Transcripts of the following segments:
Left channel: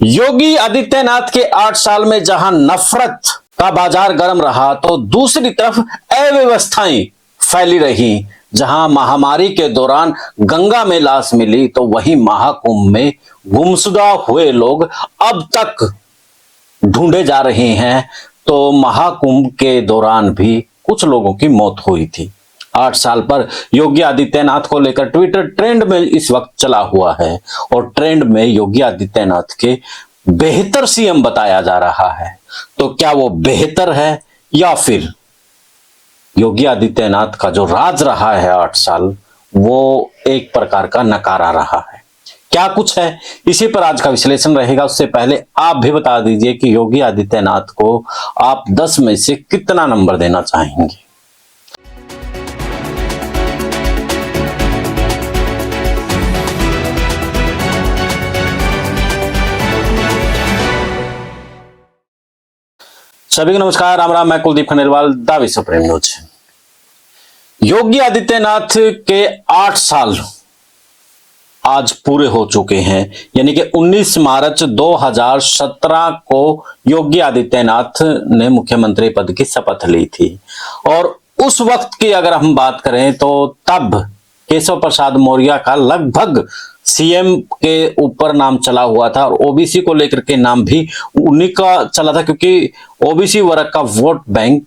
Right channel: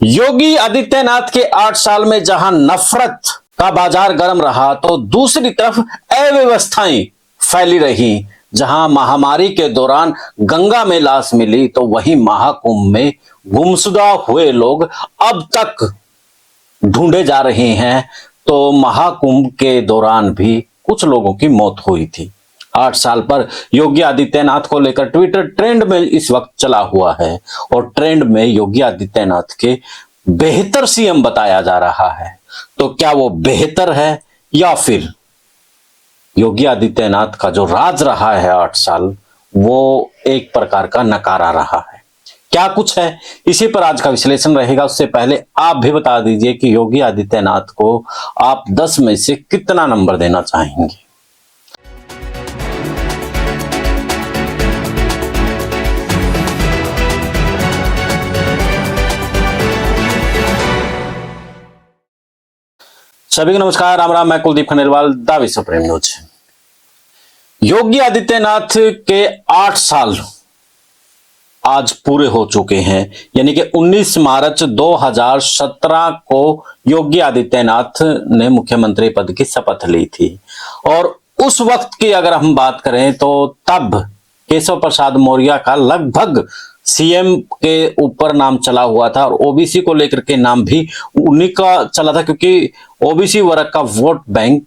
योगी आदित्यनाथ के 8 साल में जहां नफरत का बाजार गर्म रहा, तो दूसरी तरफ अव्यवस्थाएं फैली रही। जहां महामारी के दौरान गंगा में लाश मिली, तो वहीं महाकुंभ में गुमशुदा हुए लोग अब तक ढूंढे जा रहे हैं। तो महाकुंभ के दौरान भी कुछ लोगों की मौत हुई थी। 8 साल पर योगी आदित्यनाथ को लेकर ट्विटर ट्रेंड में इस वक्त चला हुआ है, और ट्रेंड में योगी आदित्यनाथ के बेहतर सीएम बताया जा रहा है। तो क्या वो बेहतर है, या फिर योगी आदित्यनाथ का जो राज रहा है 8 साल, वो एक प्रकार का नकारा रहा है? क्या कुछ है, इसी पर आज का विश्लेषण रहेगा। उससे पहले आप भी बता दीजिए कि योगी आदित्यनाथ को आप 10 में से कितना नंबर देना चाहेंगे? सभी को नमस्कार, राम राम। मैं कुलदीप खंडेलवाल, द विश्व प्रेम न्यूज। योगी आदित्यनाथ के 8 साल आज पूरे हो चुके हैं, यानी कि 19 मार्च 2017 को योगी आदित्यनाथ ने मुख्यमंत्री पद की शपथ ली थी। और उस वक्त की अगर हम बात करें, तो तब केशव प्रसाद मौर्य का लगभग सीएम के ऊपर नाम चला हुआ था, और ओबीसी को लेकर के नाम भी उन्हीं का चला था, क्योंकि ओबीसी वर्ग का वोट बैंक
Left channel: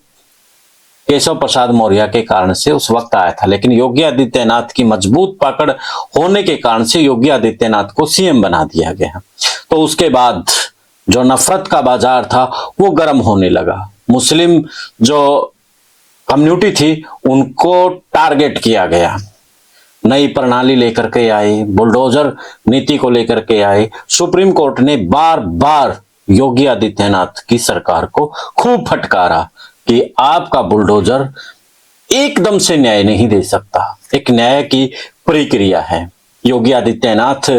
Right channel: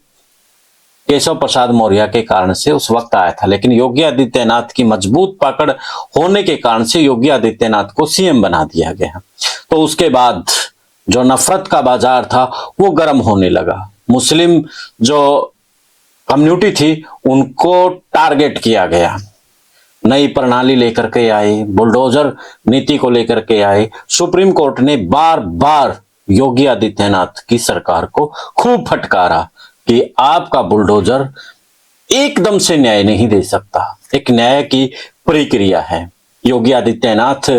केशव प्रसाद मौर्य के कारण से उस वक्त आया था। लेकिन योगी आदित्यनाथ की मजबूत पकड़ होने के कारण से योगी आदित्यनाथ को सीएम बना दिया गया। तो उसके बाद जो नफरत का बाजार था वो गर्म होने लगा। मुस्लिम जो कम्युनिटी थी उनको टारगेट किया गया। नई प्रणाली लेकर के आए, बुलडोजर नीति को लेकर के आए। सुप्रीम कोर्ट ने बार बार योगी आदित्यनाथ की सरकार को खूब फटकारा कि आपका बुलडोजर एकदम से न्याय नहीं दे सकता, एक न्याय की प्रक्रिया है। योगी आदित्यनाथ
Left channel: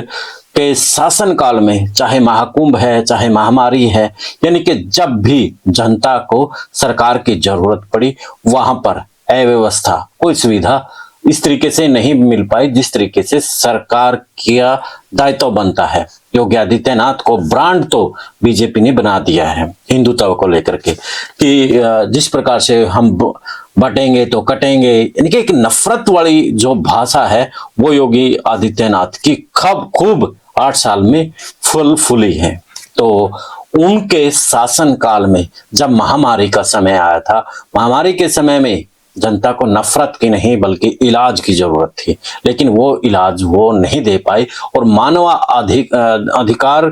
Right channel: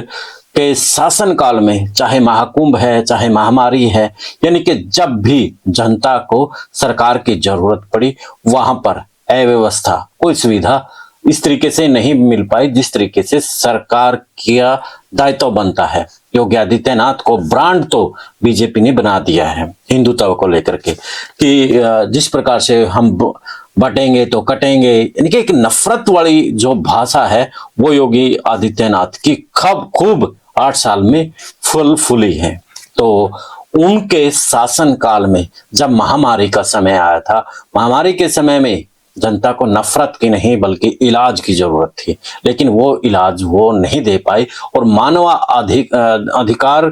के शासनकाल में चाहे महाकुंभ है, चाहे महामारी है, यानी कि जब भी जनता को सरकार की जरूरत पड़ी, वहां पर अव्यवस्था, कोई सुविधा इस तरीके से नहीं मिल पाई जिस तरीके से सरकार का दायित्व बनता है। योगी आदित्यनाथ को ब्रांड तो बीजेपी ने बना दिया है हिंदुत्व को लेकर के, कि जिस प्रकार से हम बटेंगे तो कटेंगे, यानी कि एक नफरत वाली जो भाषा है वो योगी आदित्यनाथ की खूब 8 साल में फुली है। तो उनके शासनकाल में जब महामारी का समय आया था, महामारी के समय में जनता को नफरत की नहीं बल्कि इलाज की जरूरत थी, लेकिन वो इलाज वो नहीं दे पाई। और मानव अधिकार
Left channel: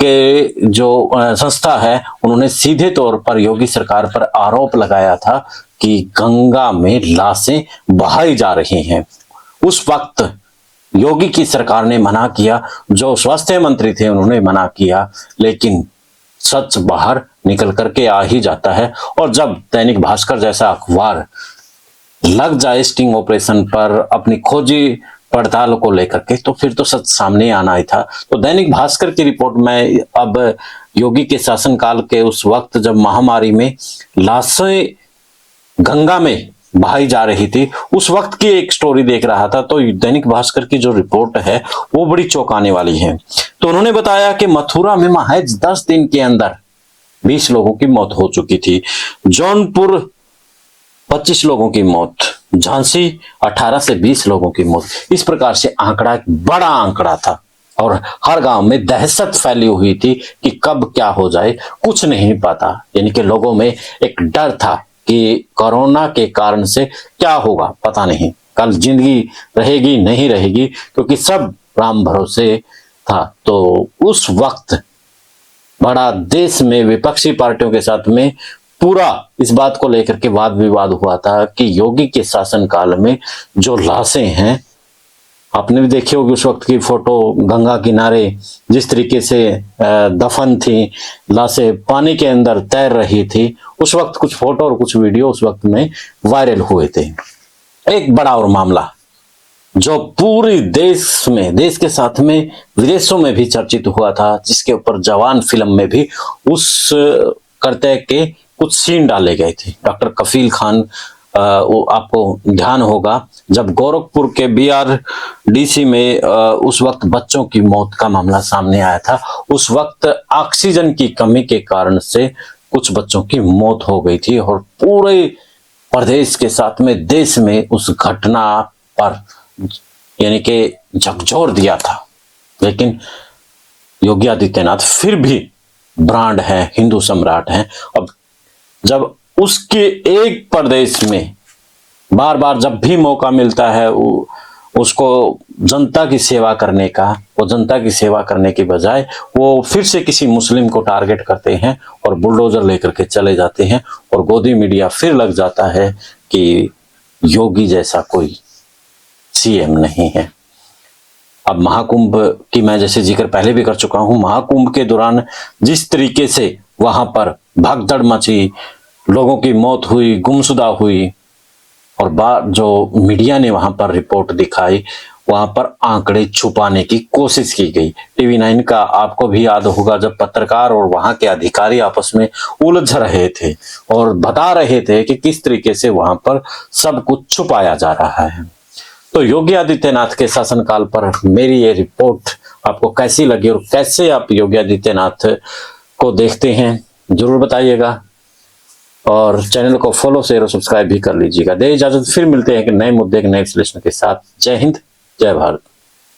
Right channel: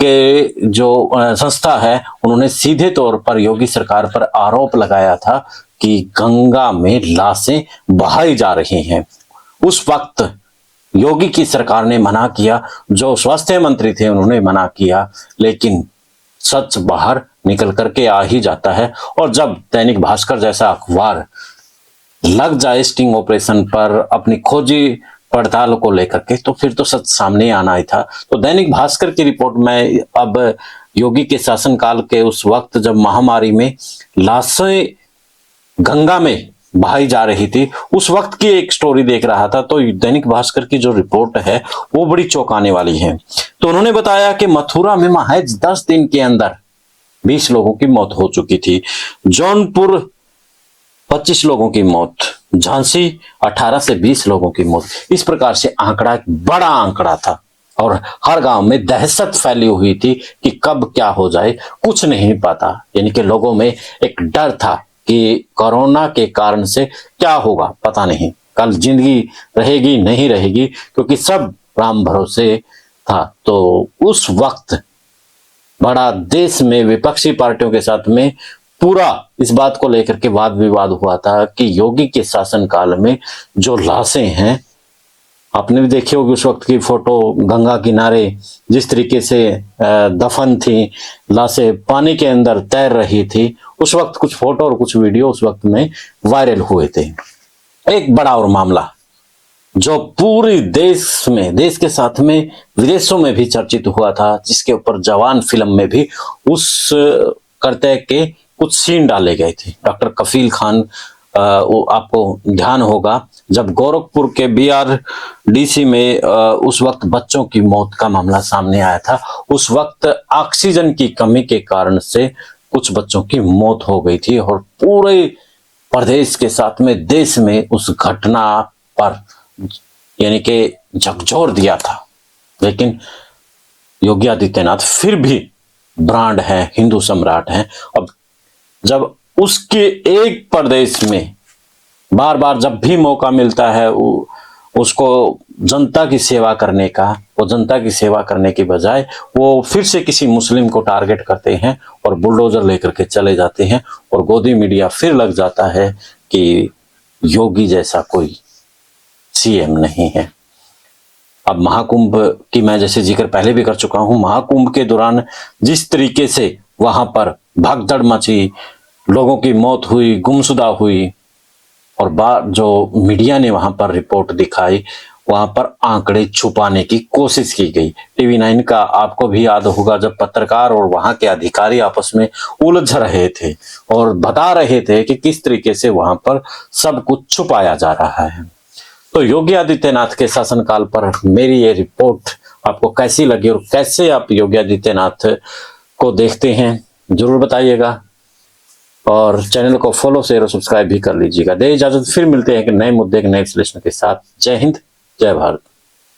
के जो संस्था है, उन्होंने सीधे तौर पर योगी सरकार पर आरोप लगाया था कि गंगा में लाशें बहाई जा रही हैं। उस वक्त योगी की सरकार ने मना किया, जो स्वास्थ्य मंत्री थे उन्होंने मना किया, लेकिन सच बाहर निकल करके आ ही जाता है। और जब दैनिक भास्कर जैसा अखबार लग जाए स्टिंग ऑपरेशन पर अपनी खोजी पड़ताल को लेकर के, तो फिर तो सच सामने आना ही था। तो दैनिक भास्कर की रिपोर्ट में अब योगी के शासनकाल के उस वक्त जब महामारी में लाशें गंगा में बहाई जा रही थी, उस वक्त की एक स्टोरी देख रहा था। तो दैनिक भास्कर की जो रिपोर्ट है वो बड़ी चौंकाने वाली है। तो उन्होंने बताया कि मथुरा में महज 10 दिन के अंदर 20 लोगों की मौत हो चुकी थी। जौनपुर 25 लोगों की मौत, झांसी 18 से 20 लोगों की मौत। इस प्रकार से आंकड़ा एक बड़ा आंकड़ा था, और हर गांव में दहशत फैली हुई थी कि कब क्या हो जाए कुछ नहीं पता। यानी कि लोगों में एक डर था कि कोरोना के कारण से क्या होगा पता नहीं, कल जिंदगी रहेगी नहीं रहेगी, क्योंकि सब राम भरोसे था। तो उस वक्त बड़ा देश में विपक्षी पार्टियों के साथ में पूरा इस बात को लेकर के वाद विवाद हुआ था कि योगी के शासनकाल में जो लाशें हैं, आपने भी देखी होगी उस वक्त की फोटो, गंगा किनारे जिस तरीके से दफन थी, लाशें पानी के अंदर तैर रही थी। उस वक्त कुछ फोटो और कुछ वीडियो उस वक्त में वायरल हुए थे। एक बड़ा और मामला जो पूरी देश के साथ में विदेशों में भी चर्चित हुआ था, जिसके ऊपर जवान फिल्म में भी उस करते के कुछ सीन डाले गए थे। डॉक्टर कफील खान वो आपको ध्यान होगा, जब गोरखपुर के बीआरडीसी में उस वक्त बच्चों की मौत का मामला सामने आया था। उस वक्त ऑक्सीजन की कमी के कारण से कुछ बच्चों की मौत हो गई थी और पूरे प्रदेश के साथ में देश में उस घटना पर यानी कि झकझोर दिया था। लेकिन योगी आदित्यनाथ फिर भी ब्रांड हैं, हिंदू सम्राट हैं। अब जब उसके एक प्रदेश में बार बार जब भी मौका मिलता है उसको जनता की सेवा करने का, वो जनता की सेवा करने की बजाय वो फिर से किसी मुस्लिम को टारगेट करते हैं और बुलडोजर लेकर के चले जाते हैं और गोदी मीडिया फिर लग जाता है कि योगी जैसा कोई सीएम नहीं है। अब महाकुंभ की मैं जैसे जिक्र पहले भी कर चुका हूं, महाकुंभ के दौरान जिस तरीके से वहां पर भगदड़ मची, लोगों की मौत हुई, गुमशुदा हुई और जो मीडिया ने वहां पर रिपोर्ट दिखाई, वहां पर आंकड़े छुपाने की कोशिश की गई। टीवी 9 का आपको भी याद होगा, जब पत्रकार और वहां के अधिकारी आपस में उलझ रहे थे और बता रहे थे कि किस तरीके से वहां पर सब कुछ छुपाया जा रहा है। तो योगी आदित्यनाथ के शासनकाल पर मेरी ये रिपोर्ट आपको कैसी लगी और कैसे आप योगी आदित्यनाथ को देखते हैं, जरूर बताइएगा और चैनल को फॉलो शेयर और सब्सक्राइब भी कर लीजिएगा। दे इजाजत, फिर मिलते हैं कि नए मुद्दे के नए विश्लेषण के साथ। जय हिंद, जय भारत।